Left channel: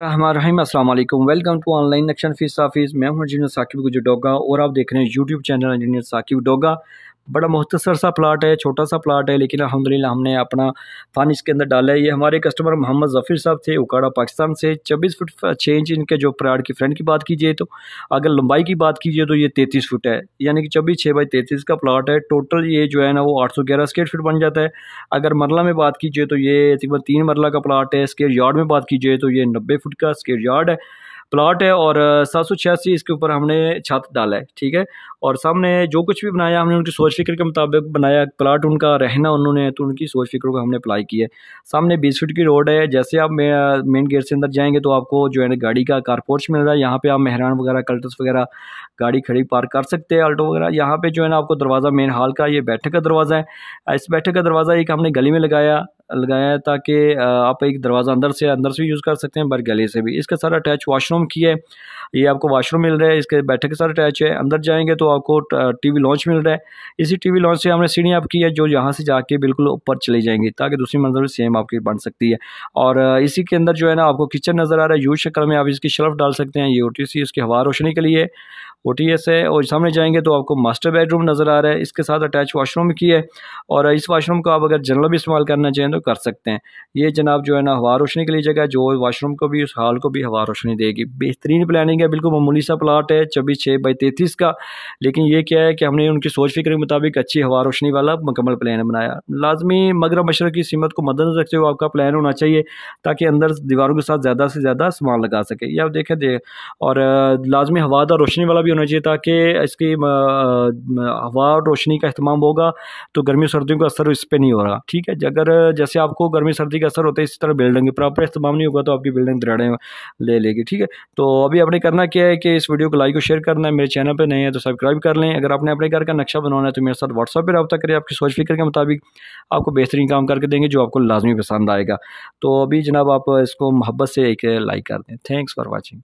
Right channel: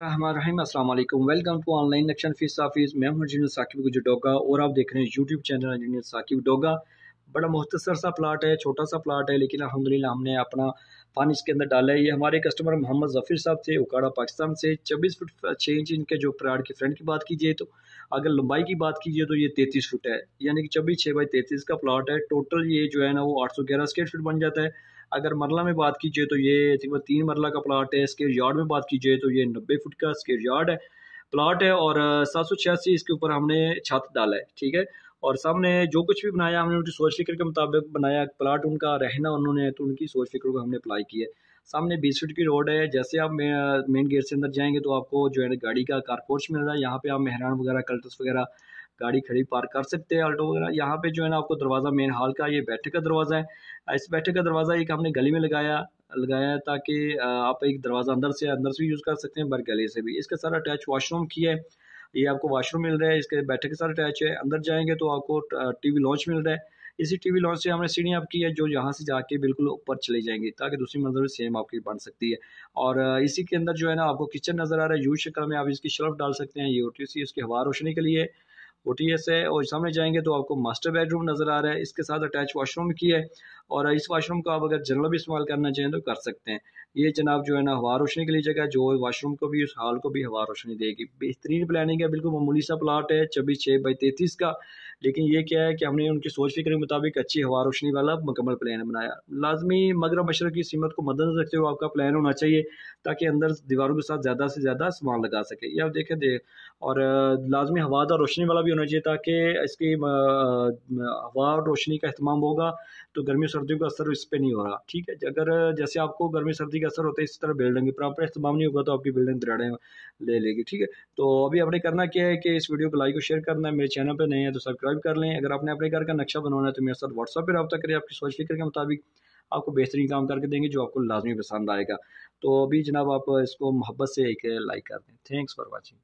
रहमान अस्सलाम वालेकुम। Welcome to online action fees office. मैं हूं इंजीनियर साकिब गुजडोगा और आप देख रहे हैं YouTube channel engineer Saqib Doga. बड़ा मुख्तसर सा प्लाट है, छोटा सा प्लाट है, लेकिन अल्हम्दुलिल्लाह हमने अपना फन इसके अंदर डाला है। ये हमारे कस्टमर मोहम्मद ज़फ़ीर साहब थे, उकाड़ा पाकिस्तान से। 24 फुट 6 इंच इनके जो प्लाट की फ्रंट की बात कीजिए तो, अगर लंबाई की बात कीजिए तो ये 33 फुट है, यानी कि 24 6 बाई 33 का प्लाट है। टोटल ये जो है ना वो 811 स्क्वायर फीट बन जाता है। अगर मरला में बात कीजिए तो ये तकरीबन 3 मरला का प्लाट है। स्क्वायर यार्ड में बात कीजिए तो ये 90 फुट का स्क्वायर यार्ड है, प्लाट है। और 786 इसके ऊपर हमने छत डाला है, ठीक है। और सामने जो कुछ भी बनाया हमने उनकी सोच फिक्र के मुताबिक बनाया। प्लाट उनका रहना उन्होंने, तो उनकी सोच फिक्र को हमने अप्लाई किया है। सामने 20 फीट की रोड है। जैसे आप मेन गेट से अंदर जाएंगे तो आपको जो है ना गाड़ी का कारपोर्च मिल रहा है। यहाँ पे आप मेहरान वगैरह, कल्टस वगैरह गाड़ी खड़ी पार्क कर सकते हैं, आल्टो वगैरह। यहाँ पे जो है ना आपको दरवाज़ा मेन हॉल का, ये बैठक का दरवाज़ा है। इस बैठक का दरवाज़ा एक हमने गली में लगाया है, ताकि आप एक दरवाज़ा अंदर से भी यूज़ कर सकते हैं, बर गले से भी। इसका सारा अटैच वॉशरूम किया है। ये आपको वॉशरूम मिल रहा है, इसके बैठक के साथ अटैच है। अंदर जाएंगे तो आपको टीवी लॉन्च मिल रहा है। इसी टीवी लॉन्च से हमने सीढ़ी आप की है, जो यहाँ से जाके बिल्कुल ऊपर चली जाएंगी, ताकि दूसरी मंजिल भी सेम आपकी बन सकती है। और इसी के अंदर जो है ना आपको किचन नज़र आ रहा है, यू शक्ल में। आप इसकी शेल्फ डाल सकते हैं। ये OTC इसकी हवा रोशनी के लिए OTS है। और सामने जाएंगे तो आपको मास्टर बेडरूम नज़र आ रहा है, इसके साथ अटैच वॉशरूम की है। और इस वॉशरूम को आप अगर जनरल भी इस्तेमाल करना चाहें तो कर सकते हैं। ये जनाब जो है ना हवा रोशनी के लिए जगह है, जो वॉशरूम को भी, उस हॉल को भी हवा रोशनी देगी। बेहतरीन प्लानिंग है, बिल्कुल मामूली सा प्लाट है 24 6 बाई 33 का। लेकिन ये क्या है कि हमने उनकी सोच फिक्र के मुताबिक अच्छी हवा रोशनी वाला मुकम्मल प्लान बनाया। लाजमी मगरब मशरक़ की सीमत को मद्देनजर रखते हुए आपका प्लान होना चाहिए, ताकि अंदर दीवारों के साथ ज़्यादा से ज़्यादा सामान लगा सके। ये आप देखें दे। और लाजमी हवादार रोशनी वाला भी होना चाहिए, ताकि इसकी हवा और रोशनी का इस्तेमाल होगा तो गर्मी सर्दियों का असर इस पर नहीं हो रहा, ठीक है। अगर जैसे आपको गर्मी सर्दी का असर होता है, इसी तरह बिल्डिंग प्रॉपर इस्तेमाल नहीं होगा तो आपकी बिल्डिंग दरारें ले लेगी, ठीक है। तो अभी आपने करना क्या है कि इस वीडियो को लाइक और शेयर करना है। मेरे चैनल पर नए हैं तो सब्सक्राइब कर लें। अगर आपने अपने घर का नक्शा बनवाना है तो मेरे साथ व्हाट्सएप पर रब्ता करें। आपकी सोच फिक्र के मुताबिक आपको बेहतरीन काम करके देंगे, जो आपको लाजमी पसंद आएगा। तो अभी जनाब आप इसको मोहब्बत से एक लाइक कर दें। Thanks for watching.